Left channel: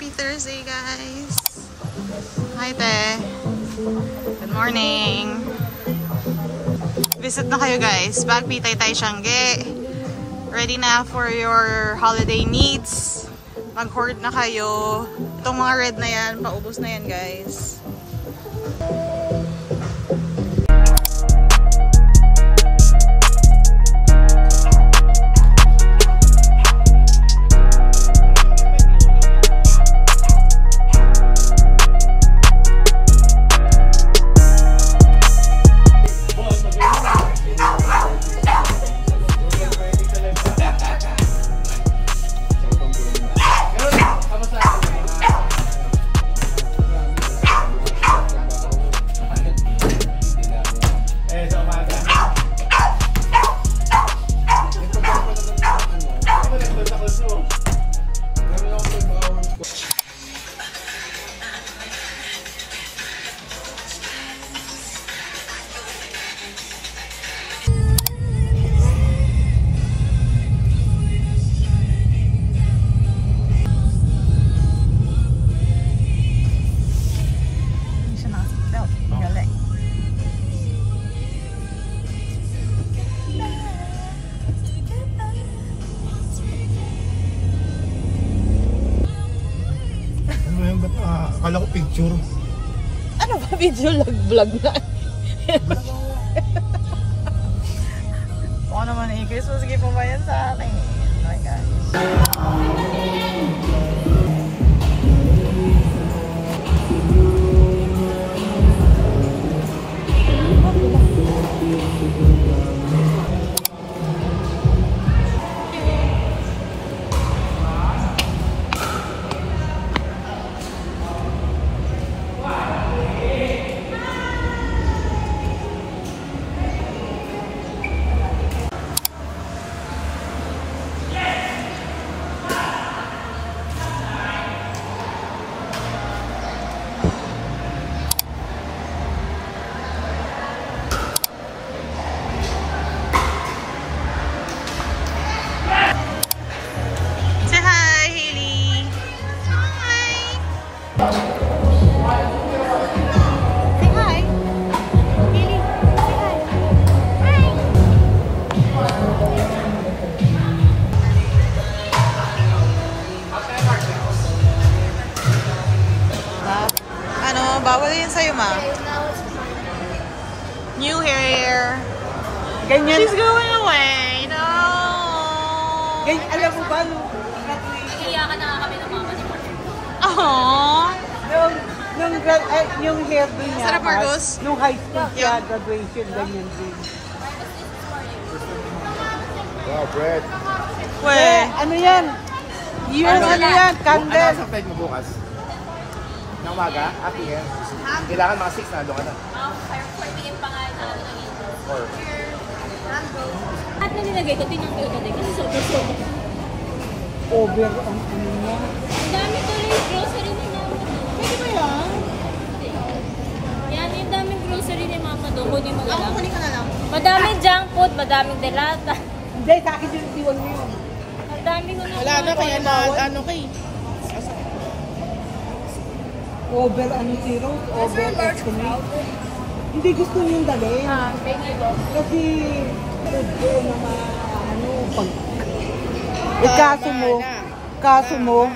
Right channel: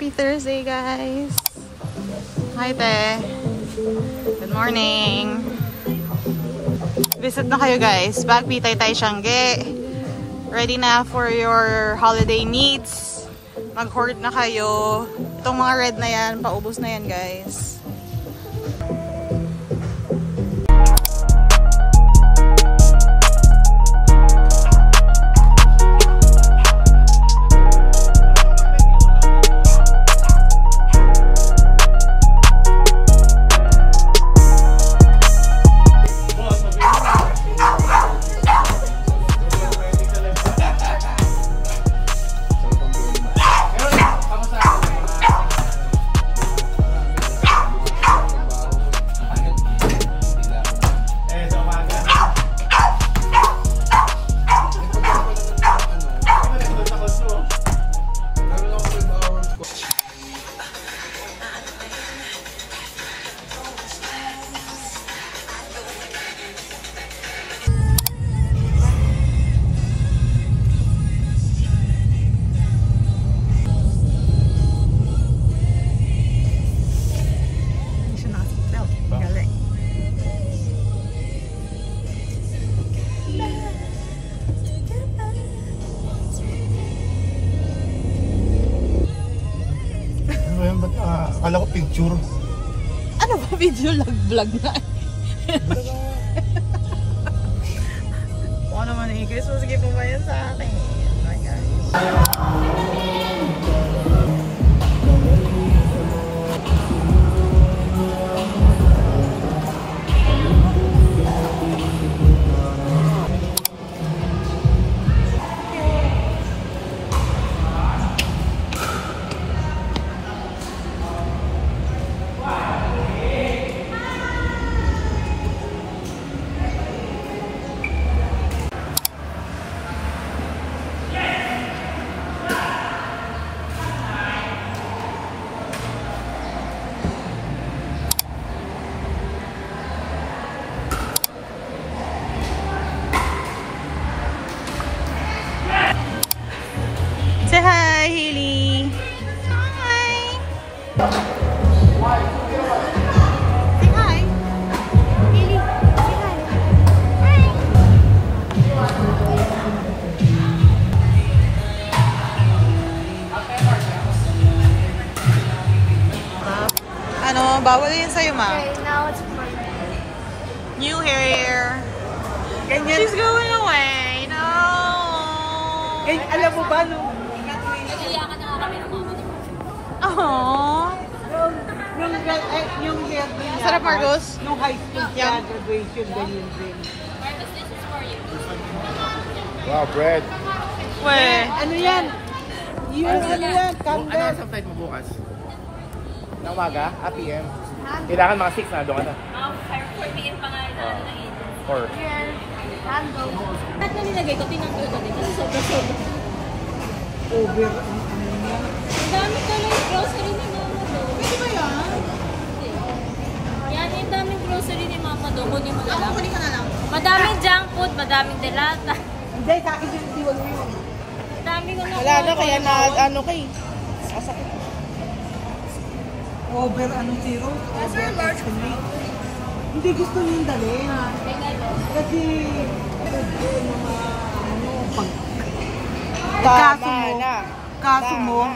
Happy Thursday, guys! Hi, te! Good morning! Visit na kayo, guys. Bagpi Taytay Siangge. Ready na for your holiday needs. Mag-hoard na kayo. Itong mga red na yan, paubos na yan, guys. Akala ko picture. Ano ba video? Vlog na. Kung naman eh, Chris, sige pa ba yan sa akin? Oh my God. Ano, bawal yun sa'yo, ma. Okay, now it's my New hair. Ganyan. She's going away. No. Ganyan, alam mo ba nung Nag-iyakan na nga kami ng mama ni Mark. Aww. yung hair niya. Sarap, Marcos. Nung high school Yeah. graduation, ganyan din. Marcos, this is for you. Bread. We. Ano yan? Ano yan? Candle. Ano sa flight mo bukas? Na umaga? At yan. Kailangan mga 6 na doon ka na. 4 p.m. pa nga na ano ng agent. At na nilagay ko, tinanggal ko din kasi sobra-sobra. Over ang ano niya. Ang dami tuloy grocery ni mama doon. Pwede ba yan? Yan, yung daming grocery ni mama doon. Kunin mo na lang. Kunin ka na lang. Madaming junk food, madaming delata. Hindi, sa akin yung tiwag mo yun. Madaming ko na. Wala na, kaya na, ano kay. Over ano zero? Over estimate. Hindi gusto niyong dalhin. Pengi ko. Kasi pwede naman ano pag kaso mo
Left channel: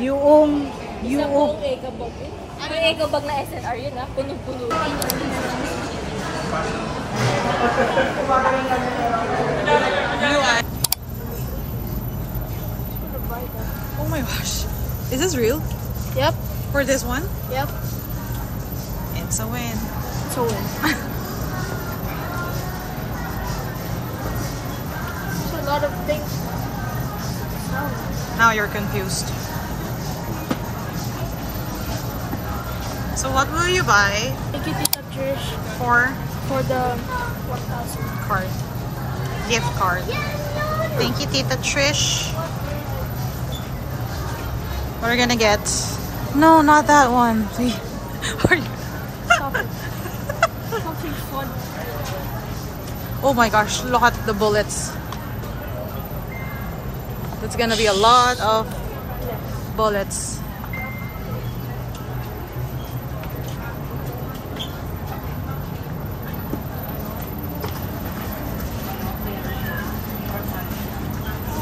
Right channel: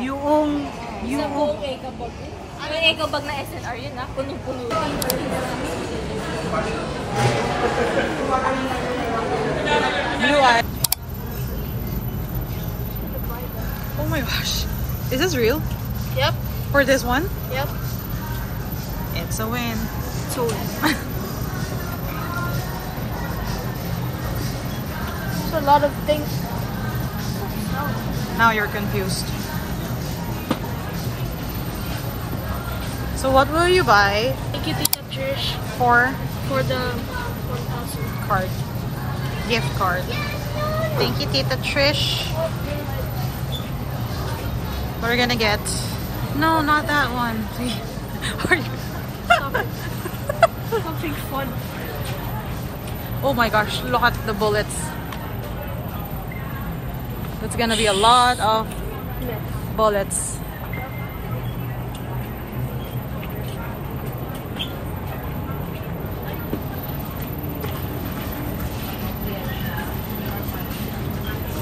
yung Isang buong ekabag. Ano yung ekabag na SNR yun ha? Punong-puno. Oh my gosh. Is this real? Yep. For this one? Yep. It's a win. So, there's a lot of things. Now you're confused. So what will you buy Thank you, Tita Trish, for for the 1,000. card? Gift card. Thank you, Tita Trish. What are we gonna get? No, not that one. Are you? Something fun. Oh my gosh, look at the bullets. That's gonna be a lot of bullets.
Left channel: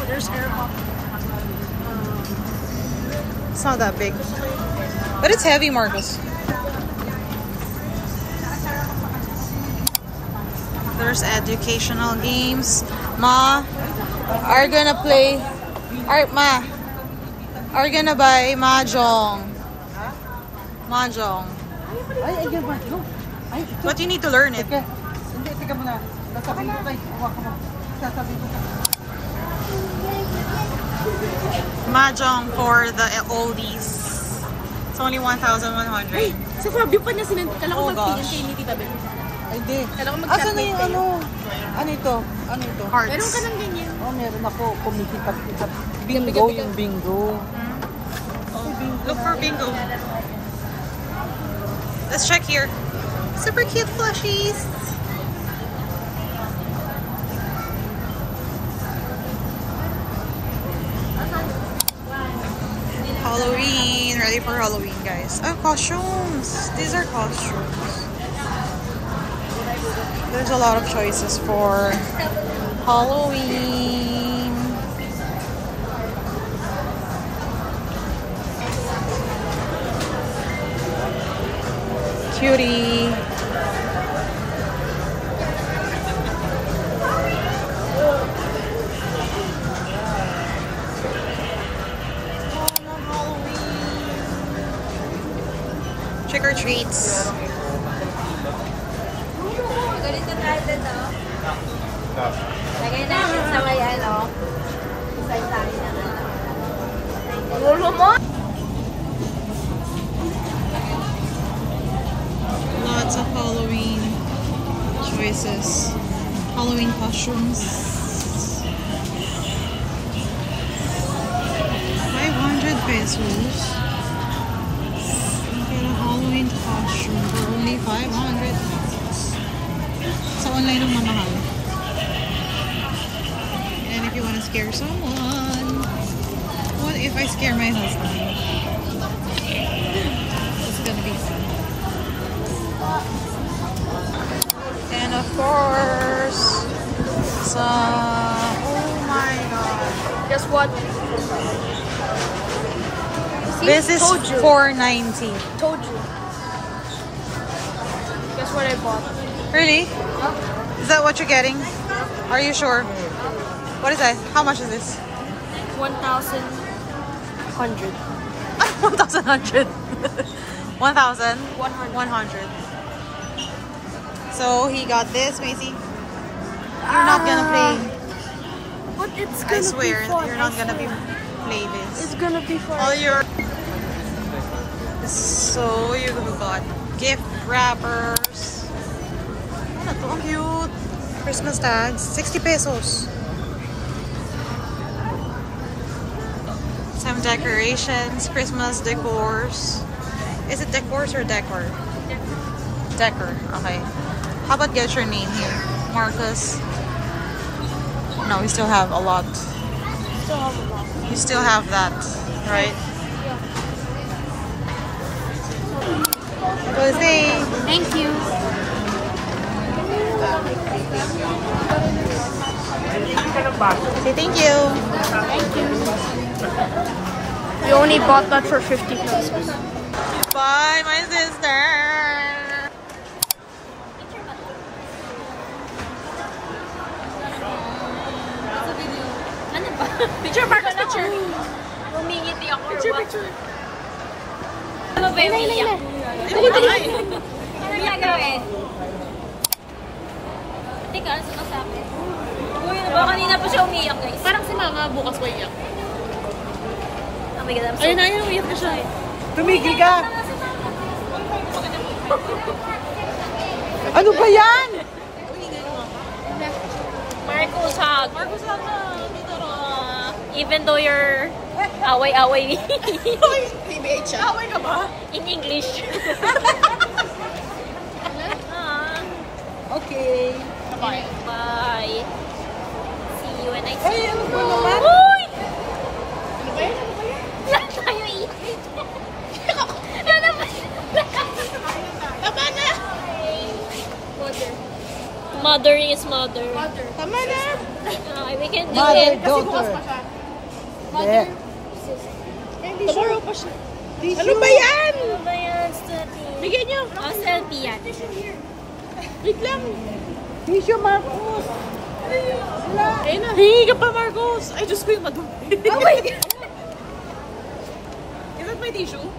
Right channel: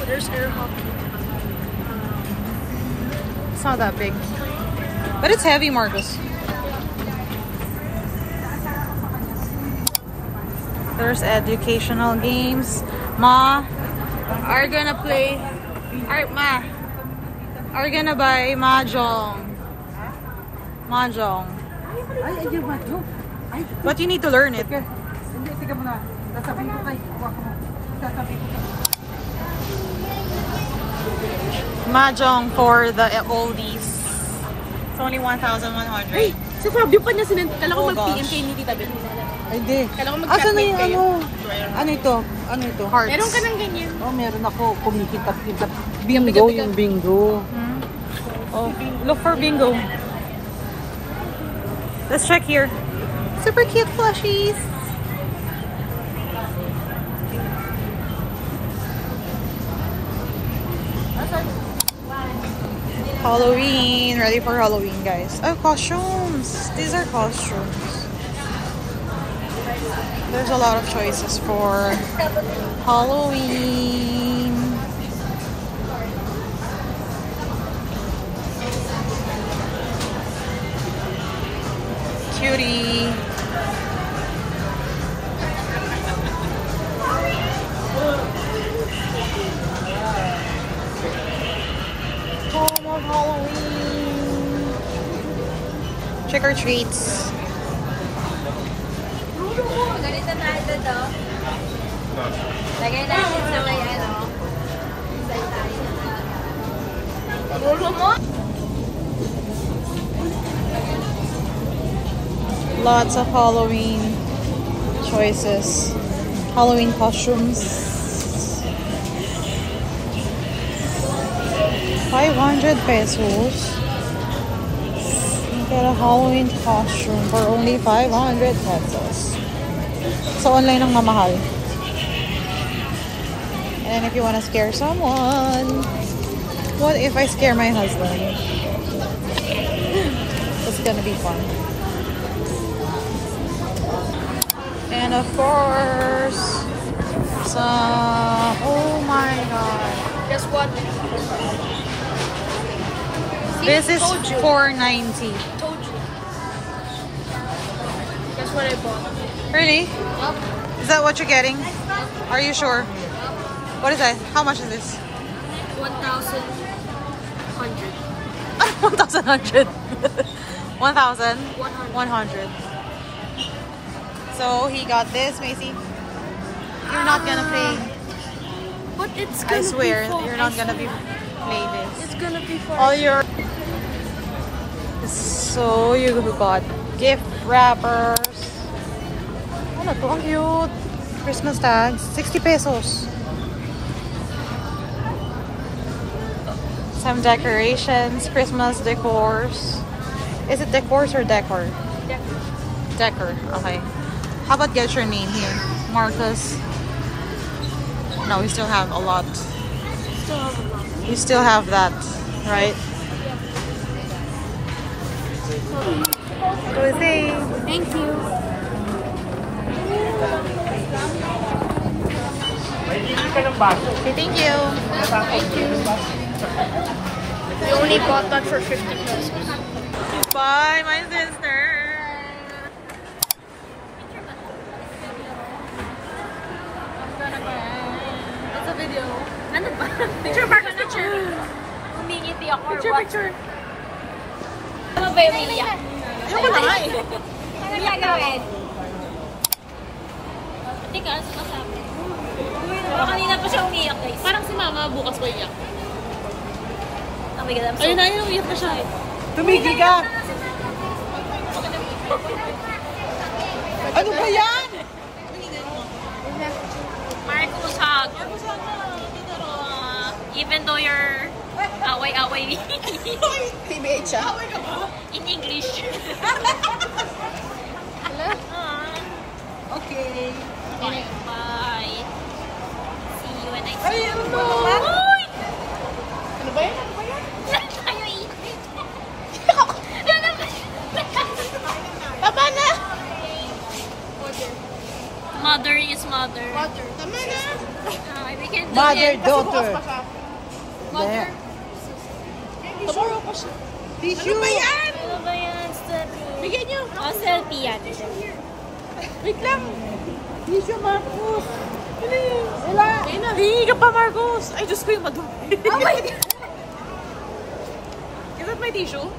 There's air hockey. It's not that big. But it's heavy, Marcos. There's educational games. Ma, are gonna play. Ma, are gonna buy mahjong. Mahjong. Ay, ayun ba? No. Ay, ito. But you need to learn it. Teka. Hindi, teka muna. Sasabihin ko kay. Huwag mo. Sasabihin ko kay. Mahjong for the oldies. It's only 1,100. Sa Fabio pa niya sinend. Kala Oh, ko mag-PM gosh. kayo ni Tita Bel. Hindi. Asan na yung ano? Ano ito? Ano ito? Cards. Meron ka ng ganyan. Oh, meron ako. Kumikita-kita. Bingo, yung bingo. Hmm? Oh, look for bingo. Let's check here. Super cute plushies. Halloween. Ready for Halloween, guys. Oh, costumes. These are costumes. There's a lot of choices for Halloween. Cutie. Home of Halloween. Trick or treats. Ganito tayo dito. Lagay natin sa may ano. Sa tayo na. Gulo mo? Lots of Halloween choices. Halloween costumes. 500 pesos. You get a Halloween costume for only 500 pesos. So online ang mamahal. And if you want to scare someone, what if I scare my husband? It's gonna be fun. And of course, some, oh my god. Guess what? This is Told you. $4.90. Told you. Guess what I bought? Really? Yup. Is that what you're getting? Are you sure? What is that? How much is this? 1,100. 1,100. 1,100. So he got this, Macy. You're not gonna play. But it's gonna I swear, be fun. you're not I gonna swear. play this. It's gonna be fun. All your. So you got gift wrappers. Ano to? Ang cute. Christmas tags. 60 pesos. Some decorations. Christmas decors. Is it decors or decor? Decor. Okay. How about get your name here? Marcus. No, we still have a lot. We still have that, right? Jose. Thank you. Say thank you. Thank you. You only bought that for 50 pesos. Bye, my sister. It's a video. Ano ba? Picture, picture. Umingiti ako. Picture. Ano ba yung umiiyak? Ayoko na nga eh. Ano gagawin? Teka, sumasabi. Uy, diba kanina pa siya umiiyak, guys? Parang si mama bukas pa iyak. Oh my God, I'm so... Ayun na, ayun, umiyak na siya. Tumigil ka! Ano ba yan? Marcos hug. Even though you're away-away Teenage siya. Away ka ba? in English. Okay. Bye. Bye. See you when I see Ay, you. ano ba? Uy! Ano ba yan? Lahat tayo mother. Tama na. We can do Mother, it. daughter. Mother. Tomorrow pa siya. Ano ba yan? Ano ba yan? Study. Bigyan niyo. Oh, selfie yan. Wait lang. Tissue, Marcos. Ayun na. Hingi ka pa, Marcos. Ay, Diyos ko yung madumi. Oh my God. Is that my tissue?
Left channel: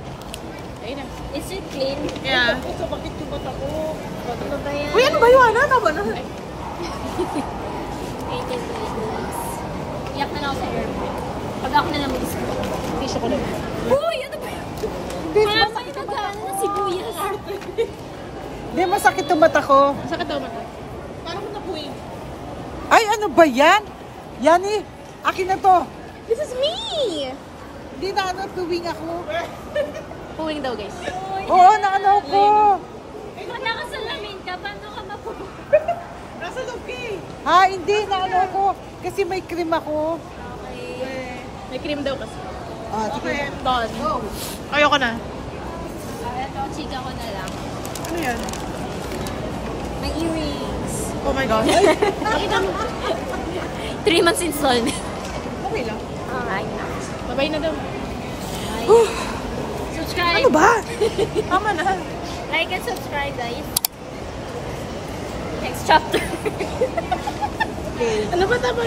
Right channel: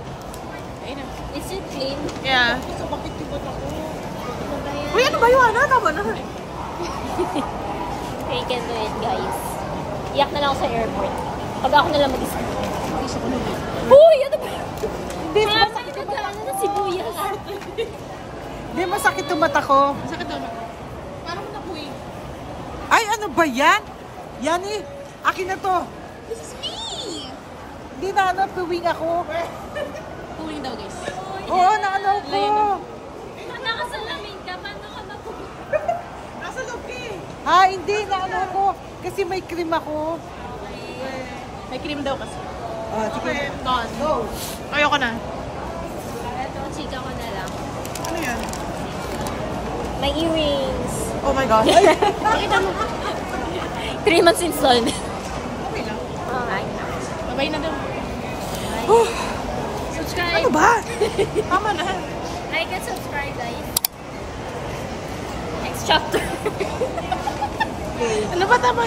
Ayun na. Is it clean? Yeah. Sa bakit yung bata ko? Ano ba yan? Uy, ano ba yun? Ano? Tama na. We can do it, guys. Iyak na lang ako sa airport. Pag ako na lang mag-isip. Tissue ko na. Uy, ano ba yun? Hindi, nagana ng sibuyas. Hindi, masakit yung mata ko. Sakit daw ba? Paano mo napuwi? Ay, ano ba yan? Yan eh. Akin na to. This is me! Hindi na ano, tuwing ako. Puwing daw, guys. Oo, na ano ko. Pag nakasalamin ka, paano ka mapuwi? Nasa loob ka eh. Ha, hindi na ano ko. Kasi may cream ako. Okay. May cream daw kasi. Ah, sige. Gone. Ayoko na. Ito, chika ko na lang. Ano yan? My earrings. Oh my God. 3 months installment. Okay lang. Ay, Babay na daw. subscribe. Ano ba? Tama na. Like and subscribe, guys. Next chapter. Ano ba tama?